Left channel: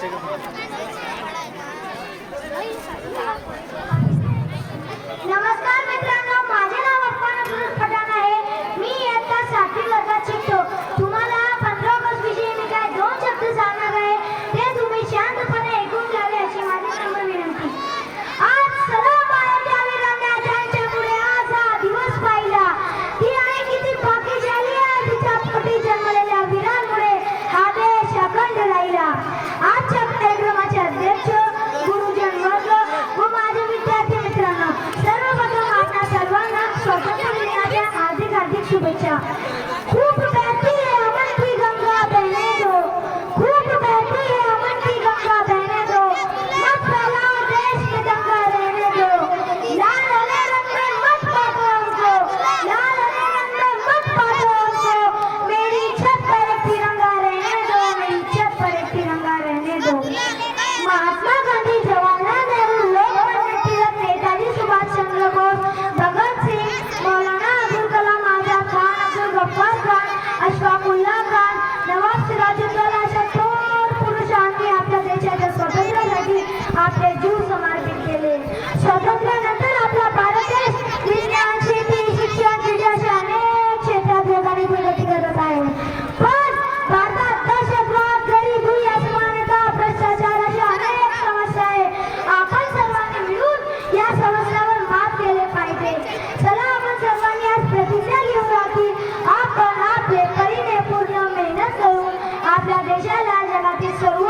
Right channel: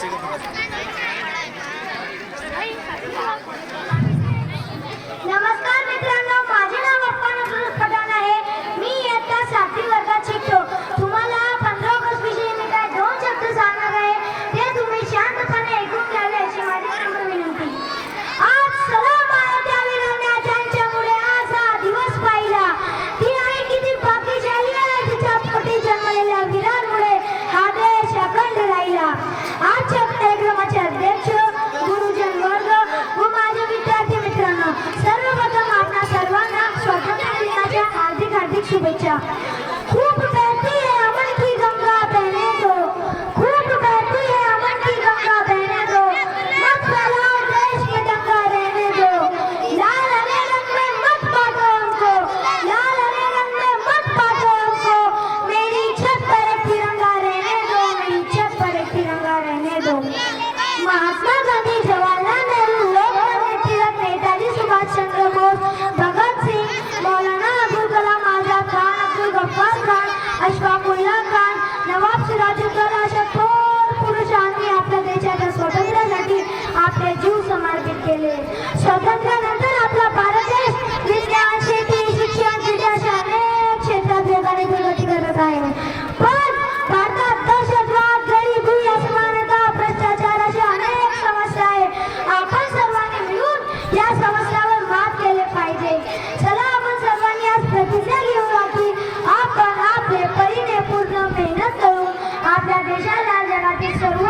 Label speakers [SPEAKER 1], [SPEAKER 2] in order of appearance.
[SPEAKER 1] chega. 这样。आपला Bharat देश विज्ञान शेती शिक्षण क्रीडा अशा क्षेत्रात वेगाने करत आहे पण भारतात दहशतवाद गरिबी असमानता भ्रष्टाचार अशा अनेक समस्या आहे आपण सर्वांनी मिळून या समस्यावर मात केले पाहिजे चला आपण सर्वांनी आज प्रतिज्ञा घेऊ आपली आपण आपले परीने पूर्ण मेहनत करून आपल्या देशाला जगातील सर्व